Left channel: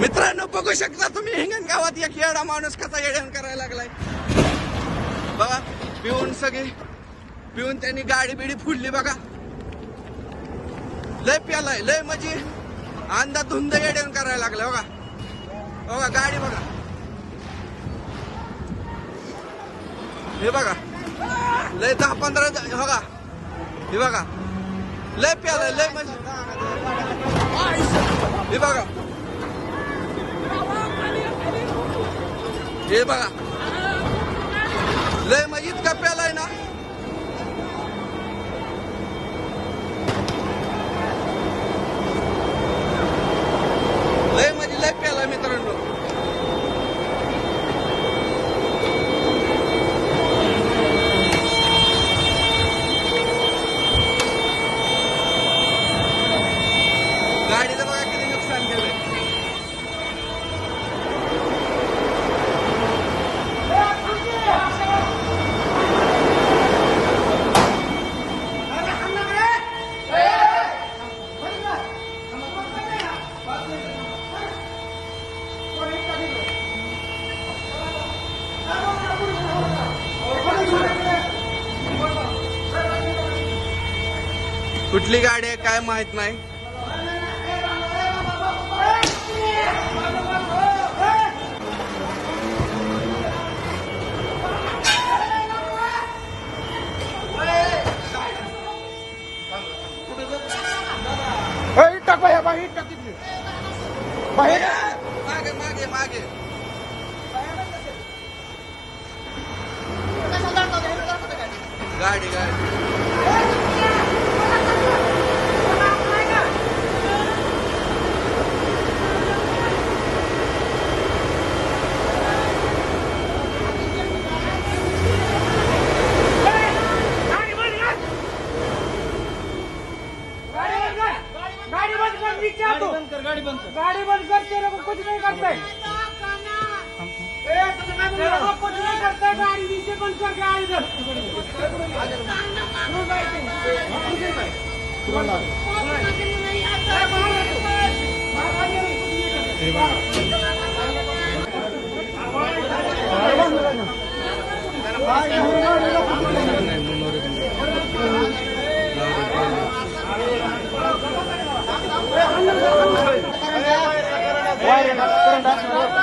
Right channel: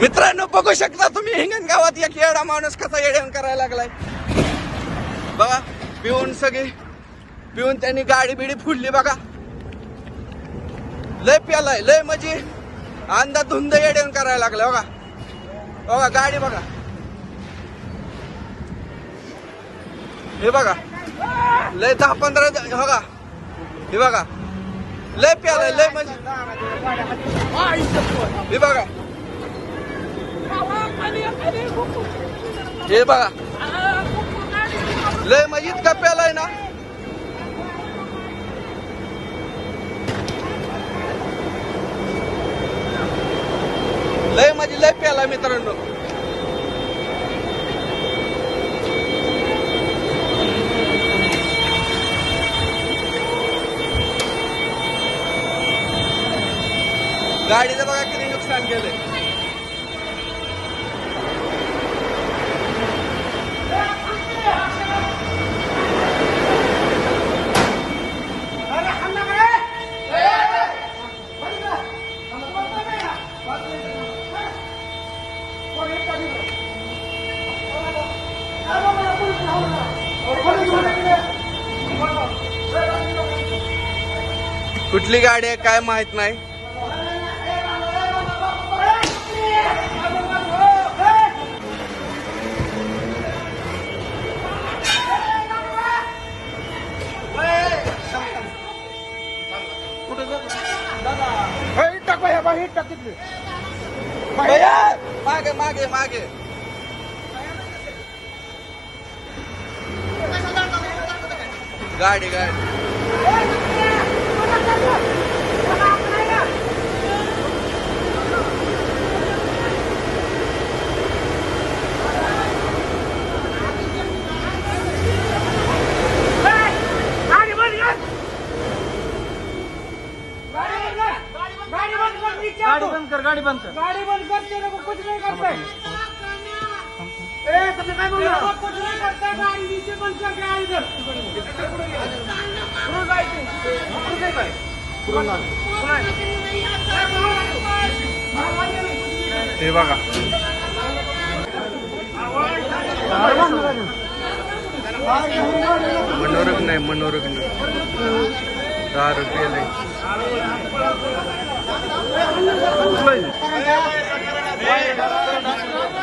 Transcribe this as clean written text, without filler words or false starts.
मित्रांनो बघू शकता तुम्ही हिंगणगावात एक येडा माणूस कसा येड्यान करायला लागलाय बघा. पिऊन त्यांनी गाडी बिडी फुडली बघा. लय प्यालाय लय म्हणजे अंदा धुंद येड्यान करायला लागलाय बघा. बघा गाडी बघा हे बघा लय 10-15 बघा हे बघा लय प्यालाय लय म्हणजे हे बघा हे बघा लय म्हणजे इतका प्यालाय ना. लय म्हणजे लय प्यालाय मित्रांनो. गाडीचं बघा किती नुकसान केलंय. कुठली गाडी आहे काय माहित नाही. मागे मागे मागे गाडी गाड़ी बंद करते कुछ नहीं करते कुछ नहीं करते गाड़ी नीचे बंद करके आए इधर. हे बघा मनोरंजन नाही मनोरंजन दारू केले.